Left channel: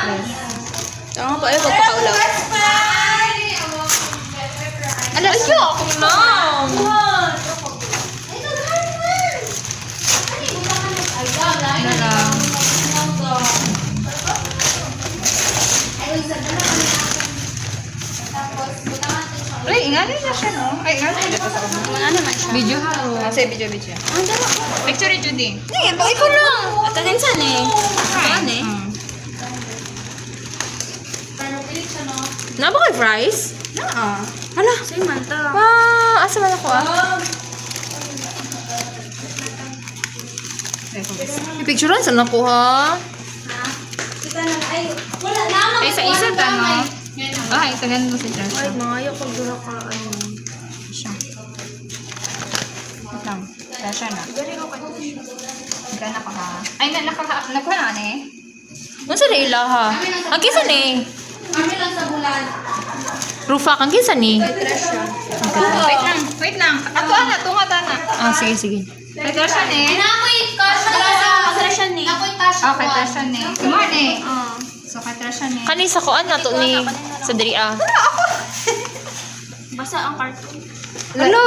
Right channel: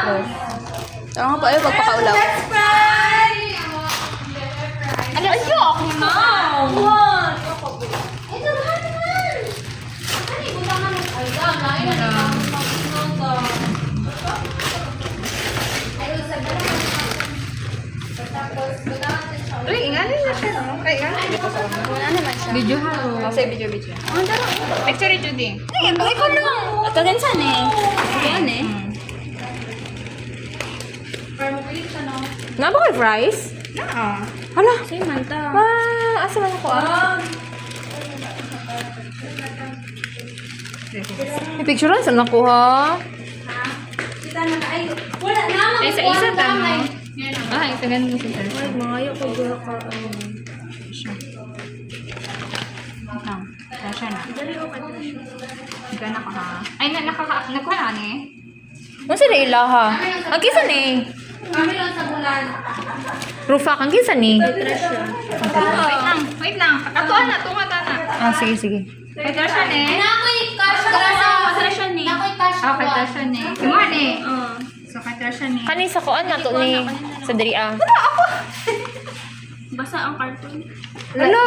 Tara nga pa ay pagpakaulaw. Alas, ako na. Ay, ingalan na siya, no? Ay, ingalan na siya. Wala naman siya. Video ha? Kasi video. Ang daro. Picture ito din. Sige, bakit ko lang? At kaginsan eh. Yan eh. Naba kay fries? Hala. Sa'yo man ta. Asa man ako May picture lang saan nakuha? Ay, sa isa ta, no? Ay, tagan mo si Sir. Ay, maayo ko buha ka. Siya. Ito. Siya na. Ito na ka ha. Ay, nakuha na eh. Ano sa ila ha? Ang kisa ni? Kami lang sa bulan. Rufa, ang kisa ni? Wait lang. Ato na, tunga ta na. Sige. Kay Tasha eh. Nakoy cash ni. Nakoy cash. Kay Tasha eh. Kumar eh. So, kay Tasha eh. Kani sa kuan na to ni sa diri Basta ang cartoon. Hello.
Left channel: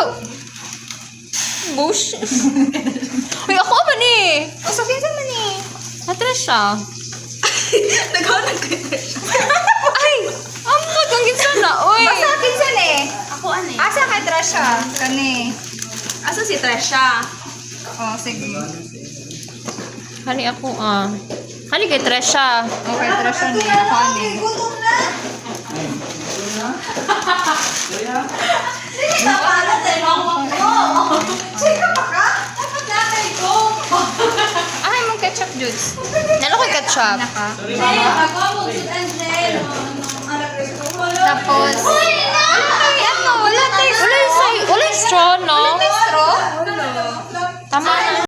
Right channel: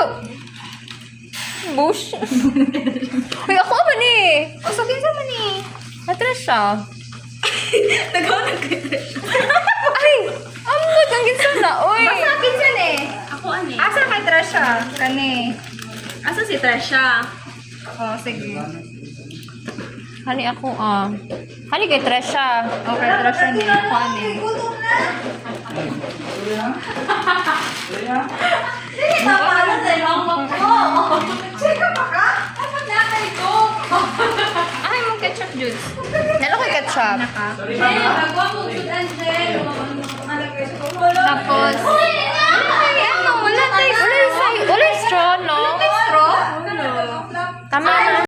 Bush. Uy, ako ba ni? Oh, so, kinsa man eh. Natras siya. Nagawa kay Tasha. Ay! Amot ang kinsa na, uy! Asa kinsan eh. Ako ani. Asa kay Tasha? Kani. Asa si Tresha? Oh, sige. Hani ako, Hani kay Tresha. Okay, Tasha ni. Ako ani. Sige ka pala sa mama ko. Sige pa ka? Dapat natay ko. Ay, mong ketchup juice. Nalo kay ketchup. Naka. Hey, bago mo si Angelo. Tapos, Ay, ako wala tayo. Wala yung straw, no? straw. Tama na.